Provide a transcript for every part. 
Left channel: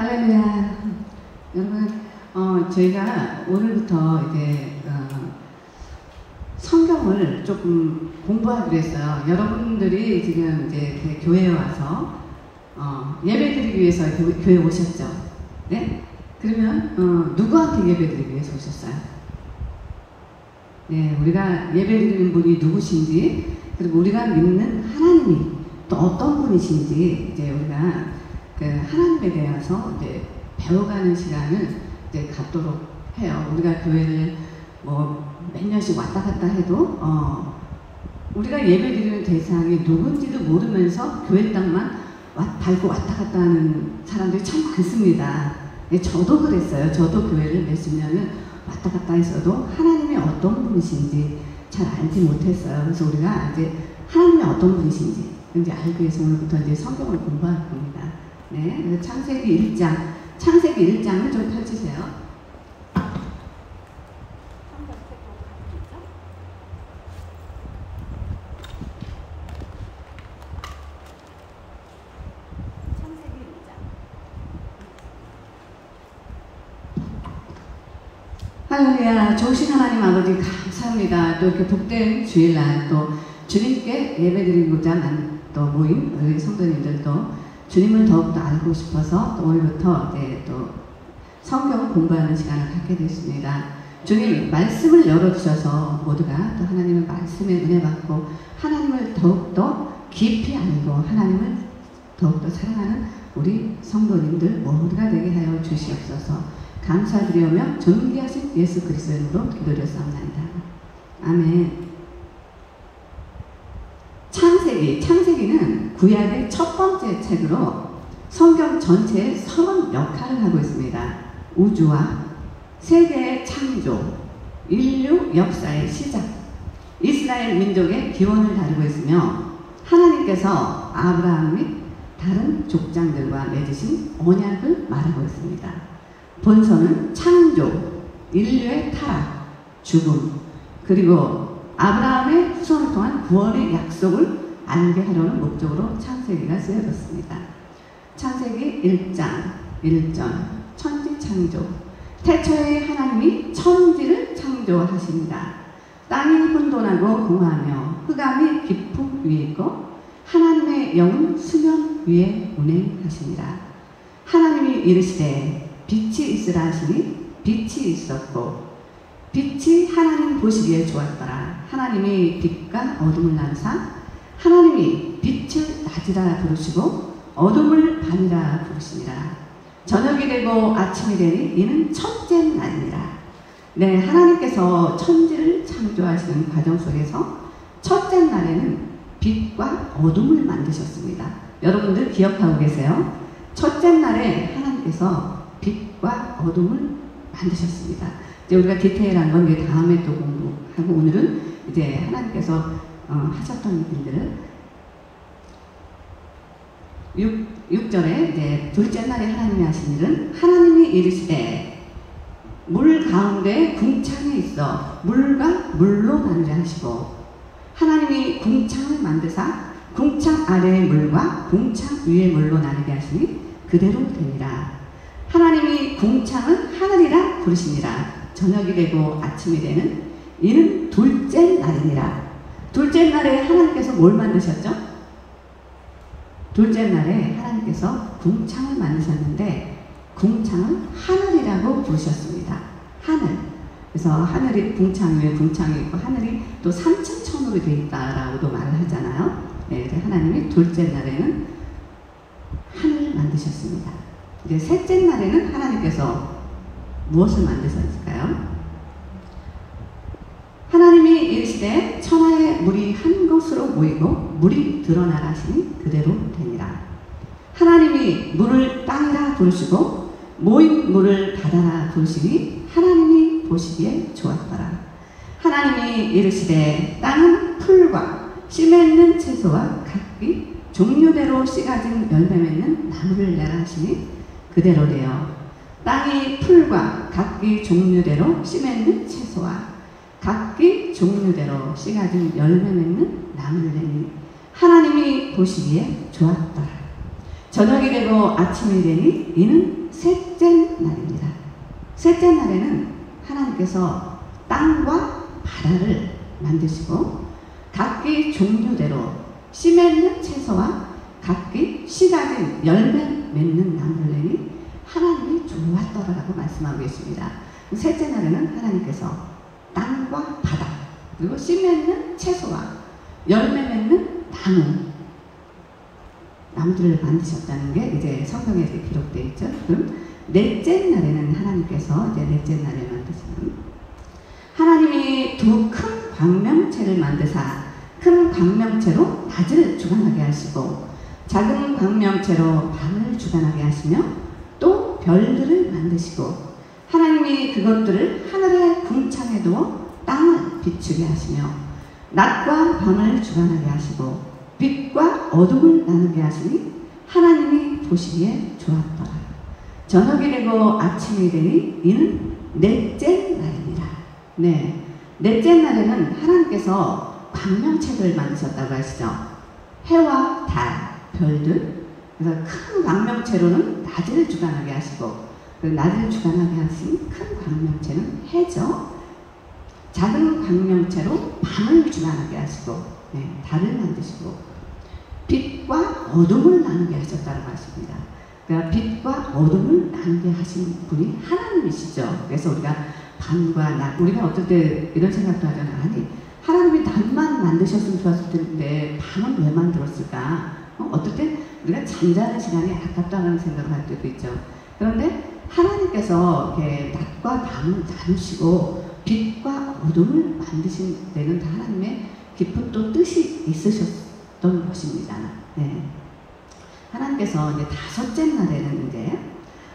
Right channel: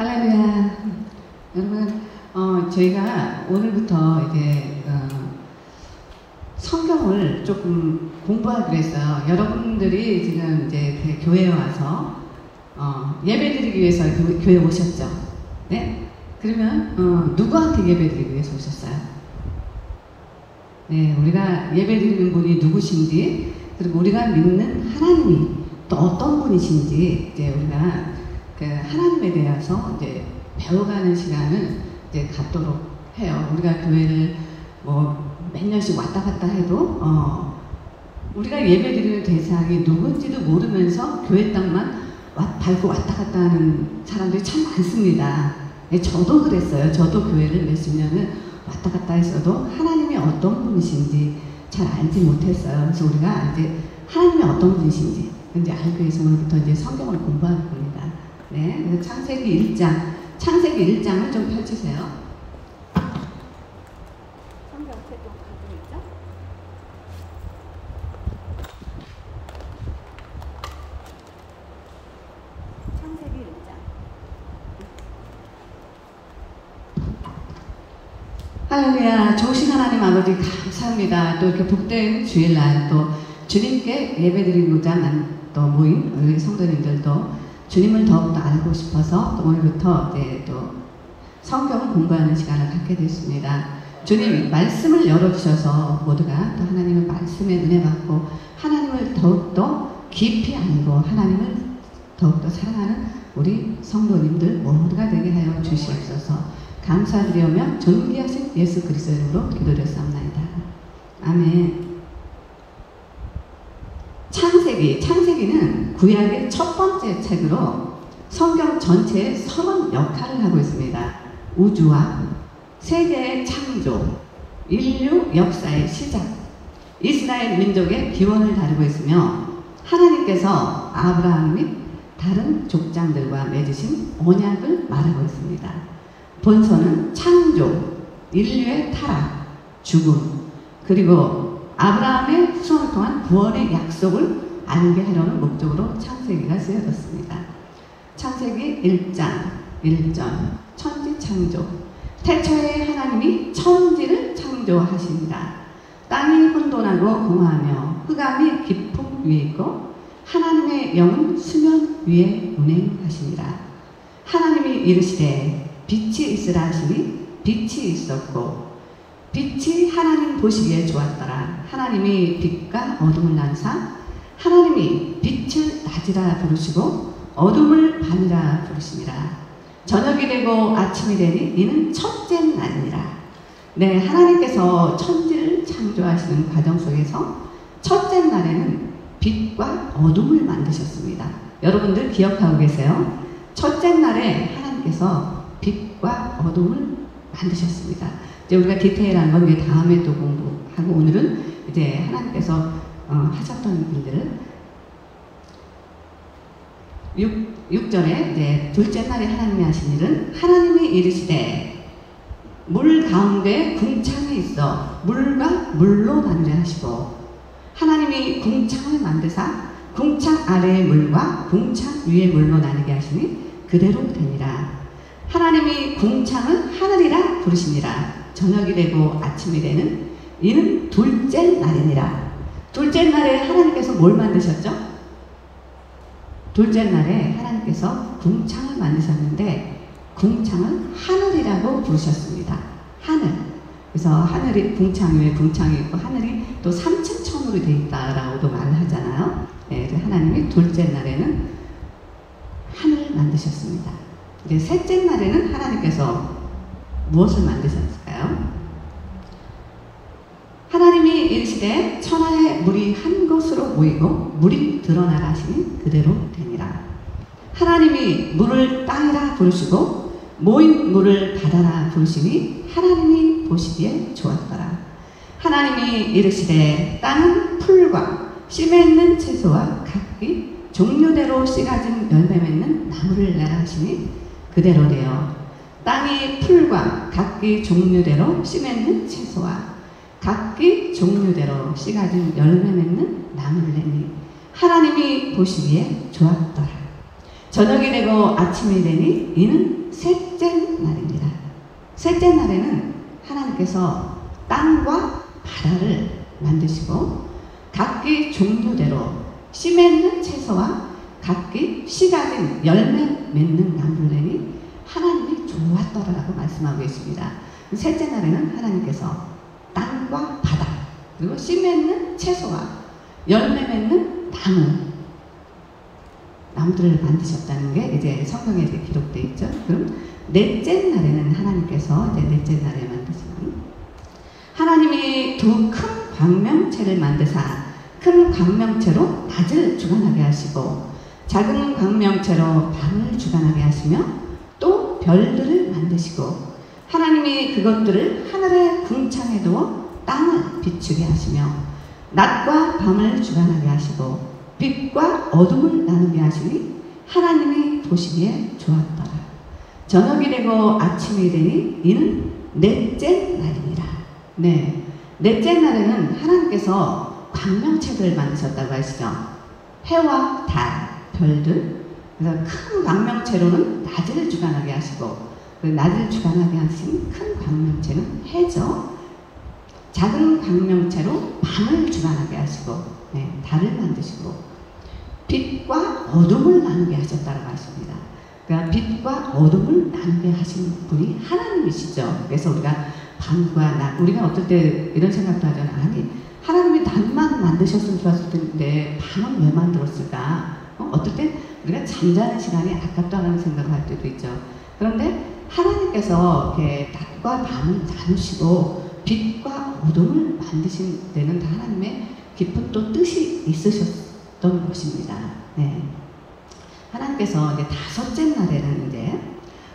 할렐루야. 여러분, 저희가 오늘부터 이제 성경을 조금 공부하기로 했어요. 여러분들이 지금 이제 교회에 와서 예배드리기 위해서 교회 오셨죠? 네? 그러면 누구한테 예배드리기 위해서 오셨어요? 네, 우리가 예배드리는 분이 누구신지, 그리고 우리가 믿는 하나님이 또 어떤 분이신지 이제 우리가 그 하나님에 대해서 이제 배워가는 시간을 이제 갖도록 해요. 우리가 교회를 뭐 몇 년씩 왔다 갔다 해도 우리가 예배드리는 대상이 누군지도 모르면서 교회 땅만 밟고 왔다 갔다 하는 사람들이 참 많습니다. 네, 저도 그랬어요. 저도 교회를 몇십 년을 왔다 갔다 했어도 하나님이 어떤 분이신지 잘 알지 못했어요. 그래서 우리가 이제 하나님이 어떤 분이신지 이제 알기 위해서 오늘부터 이제 성경을 공부할 겁니다. 네, 그래서 창세기 1장을 좀 펼치세요. 할렐루야. 좋으신 하나님 아버지 감사합니다. 또 이렇게 복된 주일날 또 주님께 예배드리고자 또 모인 우리 성도님들도 주님을 더욱더 알고 싶어서 또 오늘부터 이제 또 성경 공부하는 시간을 갖게 됐습니다. 주님 말씀을 열어주셔서 모두가 또 하나님의 말씀에 은혜 받고 하나님을 더욱더 깊이 알고 하나님을 더욱더 사랑하는 우리 성도님들 모두가 되게 하여 주시옵소서. 감사드리오며 존귀하신 예수 그리스도의 이름으로 기도드렸사옵나이다. 아멘. 창세기는 구약의 첫 번째 책으로 성경 전체의 선언 역할을 하고 있습니다. 우주와 세계의 창조, 인류 역사의 시작, 이스라엘 민족의 기원을 다루고 있으며 하나님께서 아브라함 및 다른 족장들과 맺으신 언약을 말하고 있습니다. 본서는 창조, 인류의 타락, 죽음, 그리고 아브라함의 후손을 통한 구원의 약속을 알게 하려는 목적으로 창세기가 쓰여졌습니다. 창세기 1장 1절 천지창조. 태초에 하나님이 천지를 창조하십니다. 땅이 혼돈하고 공허하며 흑암이 깊음 위에 있고 하나님의 영은 수면 위에 운행하십니다. 하나님이 이르시되 빛이 있으라 하시니 빛이 있었고 빛이 하나님 보시기에 좋았더라. 하나님이 빛과 어둠을 나누사 하나님이 빛을 낮이라 부르시고 어둠을 밤이라 부르시니라. 저녁이 되고 아침이 되니 이는 첫째 날이니라. 네, 하나님께서 천지를 창조하시는 과정 속에서 첫째 날에는 빛과 어둠을 만드셨습니다. 여러분들 기억하고 계세요? 첫째 날에 하나님께서 빛과 어둠을 만드셨습니다. 이제 우리가 디테일한 건 이제 다음에 또 공부하고 오늘은 이제 하나님께서 하셨던 일들을 6절에 이제 둘째 날에 하나님이 하신 일은 하나님이 이르시되 물 가운데 궁창이 있어 물과 물로 나누려 하시고 하나님이 궁창을 만드사 궁창 아래의 물과 궁창 위의 물로 나누게 하시니 그대로 되니라. 하나님이 궁창은 하늘이라 부르시니라. 저녁이 되고 아침이 되는 이는 둘째 날이니라. 둘째 날에 하나님께서 뭘 만드셨죠? 둘째 날에 하나님께서 궁창을 만드셨는데 궁창은 하늘이라고 부르셨습니다. 하늘. 그래서 하늘이 궁창 위에 궁창이 있고 하늘이 또 3층 천으로 되어 있다라고도 말을 하잖아요. 네, 하나님이 둘째 날에는 하늘을 만드셨습니다. 이제 셋째 날에는 하나님께서 무엇을 만드셨을까요? 하나님이 이르시되 천하의 물이 한 곳으로 모이고 물이 드러나라 하시니 그대로 되니라. 하나님이 물을 땅이라 부르시고 모인 물을 바다라 부르시니 하나님이 보시기에 좋았더라. 하나님이 이르시되 땅은 풀과 씨 맺는 채소와 각기 종류대로 씨 가진 열매 맺는 나무를 내라 하시니 그대로 되어 땅이 풀과 각기 종류대로 씨 맺는 채소와 각기 종류대로 씨 가진 열매 맺는 나무를 내니 하나님이 보시기에 좋았더라. 저녁이 되고 아침이 되니 이는 셋째 날입니다. 셋째 날에는 하나님께서 땅과 바다를 만드시고 각기 종류대로 씨 맺는 채소와 각기 씨 가진 열매 맺는 나물레니 하나님이 좋았더라라고 말씀하고 계십니다. 셋째 날에는 하나님께서 땅과 바다 그리고 씨 맺는 채소와 열매 맺는 나무들을 만드셨다는 게 이제 성경에 기록되어 있죠. 그럼 넷째 날에는 하나님께서 이제 넷째 날에 만드시는 하나님이 두 큰 광명체를 만드사 큰 광명체로 낮을 주관하게 하시고 작은 광명체로 밤을 주관하게 하시며 또 별들을 만드시고 하나님이 그것들을 하늘의 궁창에 두어 땅을 비추게 하시며 낮과 밤을 주관하게 하시고 빛과 어둠을 나누게 하시니 하나님이 보시기에 좋았더라. 저녁이 되고 아침이 되니 이는 넷째 날입니다. 네, 넷째 날에는 하나님께서 광명체들을 만드셨다고 하시죠. 해와 달, 별들. 그래서 큰 광명체로는 낮을 주관하게 하시고 그 낮을 주관하게 하신 큰 광명체는 해죠. 작은 광명체로 밤을 주관하게 하시고 달을 만드시고 빛과 어둠을 나누게 하셨다고 하십니다. 그러니까 빛과 어둠을 나누게 하신 분이 하나님이시죠. 그래서 우리가 밤과 낮, 우리가 어떨 때 이런 생각도 하잖아요. 아니, 하나님이 낮만 만드셨으면 좋았을 텐데 밤은 왜 만들었을까? 어떨 때 우리가 잠자는 시간이 아깝다는 생각을 할 때도 있죠. 그런데 하나님께서 이렇게 낮과 밤을 나누시고 빛과 어둠을 만드신 데는 하나님의 깊은 또 뜻이 있으셨던 것입니다. 네. 하나님께서 이제 다섯째 날에는 이제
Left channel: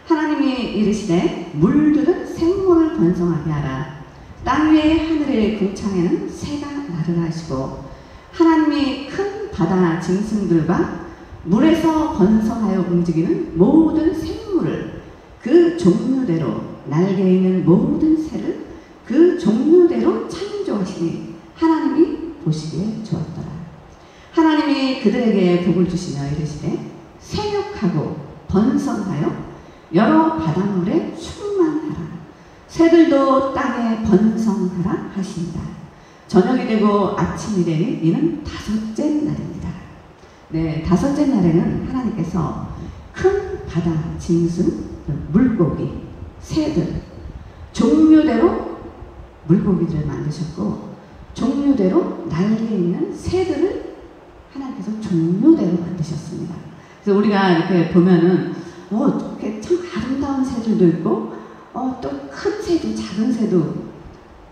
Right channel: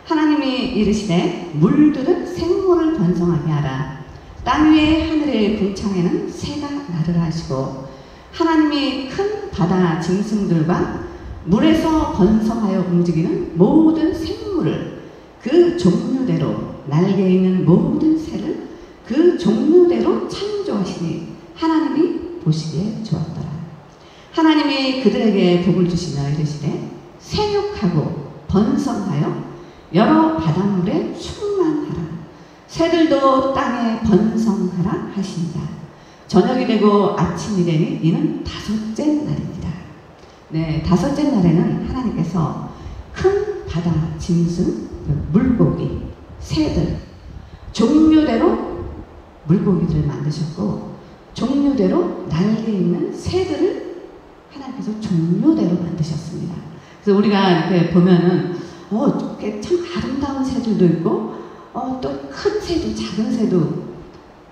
하나님이 이르시되 물들은 생물을 번성하게 하라. 땅 위의 하늘의 궁창에는 새가 나르라 하시고 하나님이 큰 바다 짐승들과 물에서 번성하여 움직이는 모든 생물을 그 종류대로 날개 있는 모든 새를 그 종류대로 창조하시니 하나님이 보시기에 좋았더라. 하나님이 그들에게 복을 주시며 이르시되 생육하고 번성하여 여러 바닷물에 충만하라. 새들도 땅에 번성하라 하신다. 저녁이 되고 아침이 되니 이는 다섯째 날입니다. 네, 다섯째 날에는 하나님께서 큰 바다 짐승, 물고기, 새들, 종류대로 물고기들을 만드셨고 종류대로 날개 있는 새들을 하나님께서 종류대로 만드셨습니다. 그래서 우리가 이렇게 보면은 이렇게 참 아름다운 새들도 있고 또 큰 새도 작은 새도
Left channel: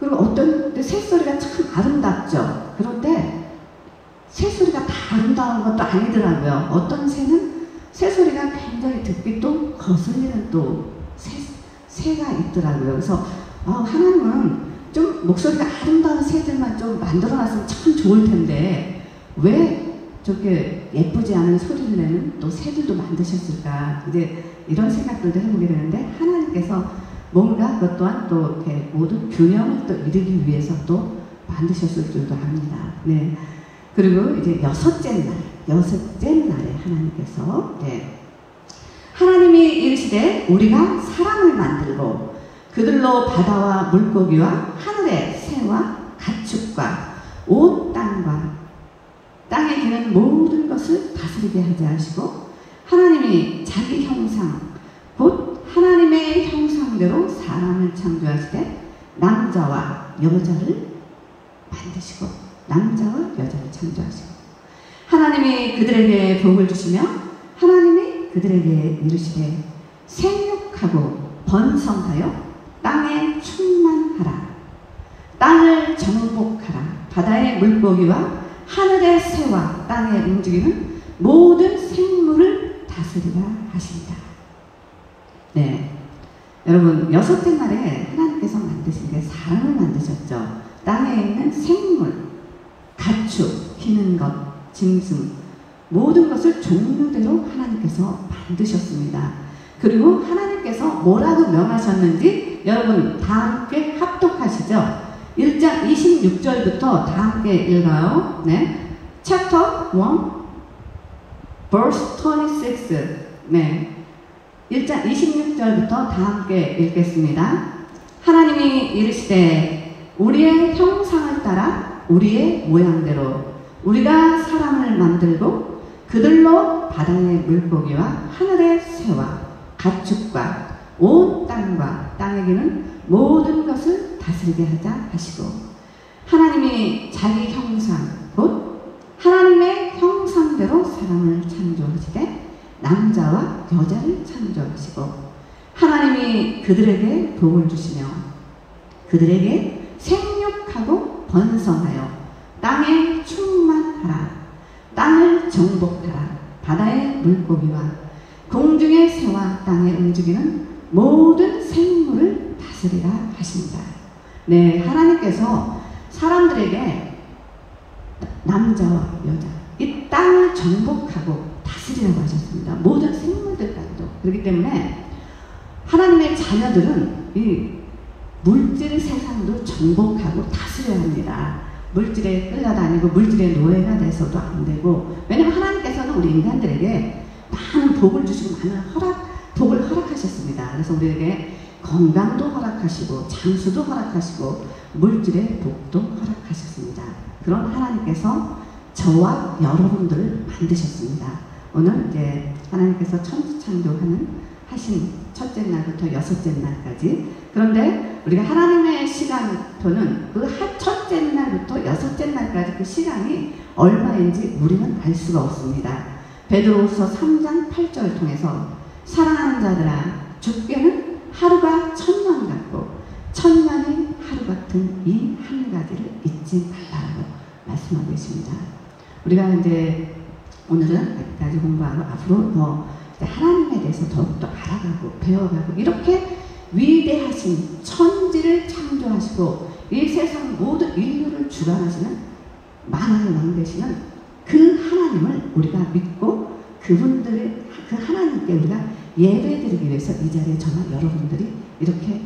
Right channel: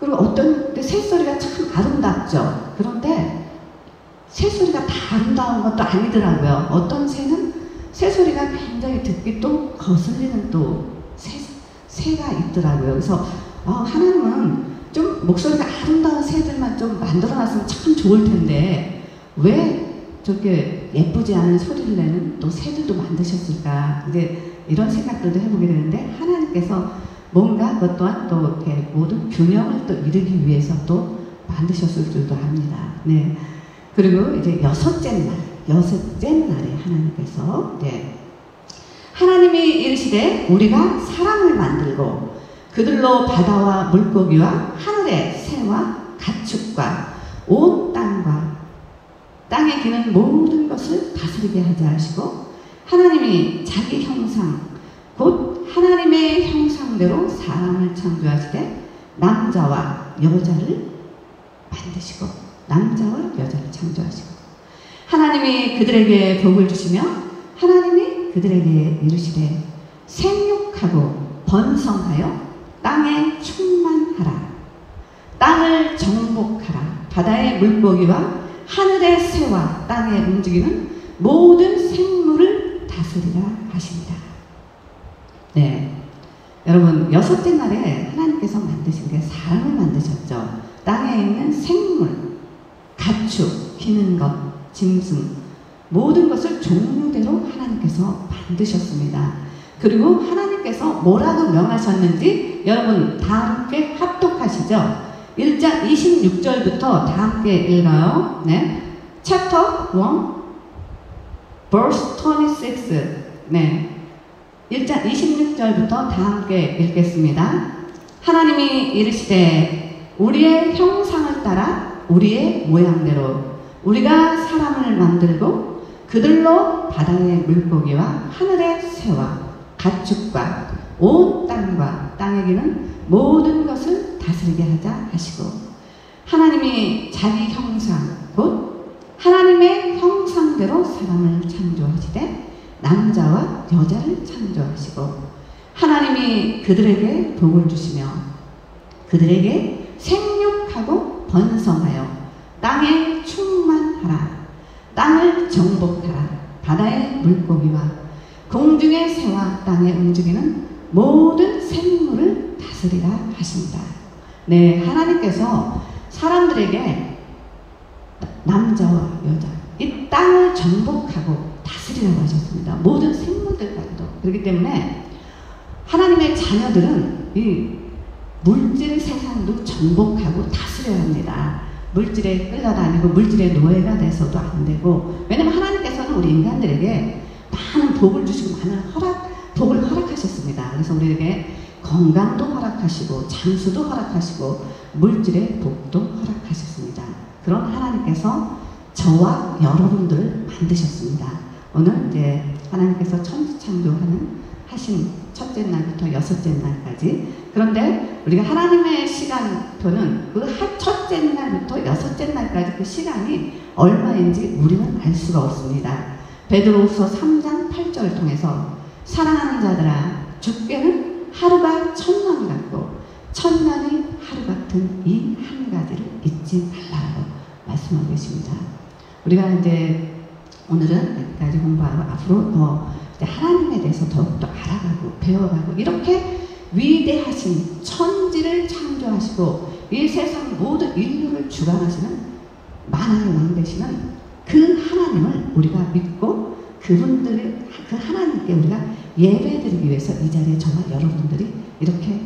그리고 어떤 새소리가 참 아름답죠. 그런데 새소리가 다 아름다운 것도 아니더라고요. 어떤 새는 새소리가 굉장히 듣기 또 거슬리는 또 새가 있더라고요. 그래서 하나님은 좀 목소리가 아름다운 새들만 좀 만들어놨으면 참 좋을 텐데 왜 저렇게 예쁘지 않은 소리를 내는 또 새들도 만드셨을까? 근데 이런 생각들도 해보게 되는데 하나님께서 뭔가 그것 또한 또 이렇게 모든 균형을 또 이루기 위해서 또 만드셨을 줄도 압니다. 네. 그리고 이제 여섯째 날에 하나님께서 하나님이 이르시되 우리가 사람을 만들고 그들로 바다와 물고기와 하늘의 새와 가축과 온 땅과 땅에 기는 모든 것을 다스리게 하자 하시고 하나님이 자기 형상 곧 하나님의 형상대로 사람을 창조하시되 남자와 여자를 만드시고 남자와 여자를 창조하시고 하나님이 그들에게 복을 주시며 하나님이 그들에게 이르시되 생육하고 번성하여 땅에 충만하라. 땅을 정복하라. 바다의 물고기와 하늘의 새와 땅에 움직이는 모든 생물을 다스리라 하십니다. 네, 여러분 여섯째 날에 하나님께서 만드신 게 사람을 만드셨죠. 땅에 있는 생물, 가축, 기는 것, 짐승 모든 것을 종류대로 하나님께서 만드셨습니다. 그리고 하나님께서 뭐라고 명하셨는지 여러분 다 함께 합독하시죠. 1장 26절부터 다 함께 읽어요. 네, Chapter 1 Verse 26. 네, 1장 26절부터 다 함께 읽겠습니다. 하나님이 이르시되 우리의 형상을 따라 우리의 모양대로 우리가 사람을 만들고 그들로 바다의 물고기와 하늘의 새와 가축과 온 땅과 땅에 기는 모든 것을 다스리게 하자 하시고 하나님이 자기 형상 곧 하나님의 형상대로 사람을 창조하시되 남자와 여자를 창조하시고 하나님이 그들에게 복을 주시며 그들에게 생육하고 번성하여 땅에 충만하라 땅을 정복하라 바다의 물고기와 공중의 새와 땅에 움직이는 모든 생물을 다스리라 하신다. 네, 하나님께서 사람들에게 남자와 여자 이 땅을 정복하고 다스리라고 하셨습니다. 모든 생물들까지도. 그렇기 때문에 하나님의 자녀들은 이 물질 세상도 정복하고 다스려야 합니다. 물질에 끌려다니고 물질의 노예가 돼서도 안 되고, 왜냐하면 하나님께서는 우리 인간들에게 많은 복을 주시고 많은 복을 허락하셨습니다. 그래서 우리에게 건강도 허락하시고 장수도 허락하시고 물질의 복도 허락하셨습니다. 그런 하나님께서 저와 여러분들을 만드셨습니다. 오늘 이제 하나님께서 천지창조하는 하신 첫째 날부터 여섯째 날까지. 그런데 우리가 하나님의 시간표는 그 첫째 날부터 여섯째 날까지 그 시간이 얼마인지 우리는 알 수가 없습니다. 베드로후서 3장 8절을 통해서 사랑하는 자들아 주께는 하루가 천년 같고 천년이 하루 같은 이 한 가지를 잊지 말라고 말씀하고 계십니다. 우리가 이제 오늘은 여기까지 공부하고 앞으로 하나님에 대해서 더욱더 알아가고 배워가고 이렇게 위대하신 천지를 창조하시고 이 세상 모든 인류를 주관하시는 만왕의 왕 되시는 그 하나님을 우리가 믿고 그분들의 그 하나님께 우리가 예배드리기 위해서 이 자리에 저와 여러분들이 이렇게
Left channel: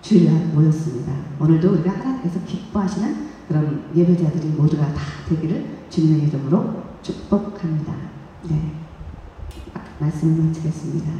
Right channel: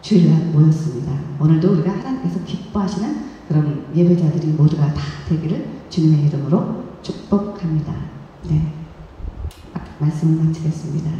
주일날 모였습니다. 오늘도 우리가 하나님께서 기뻐하시는 그런 예배자들이 모두가 다 되기를 주님의 이름으로 축복합니다. 네, 말씀을 마치겠습니다.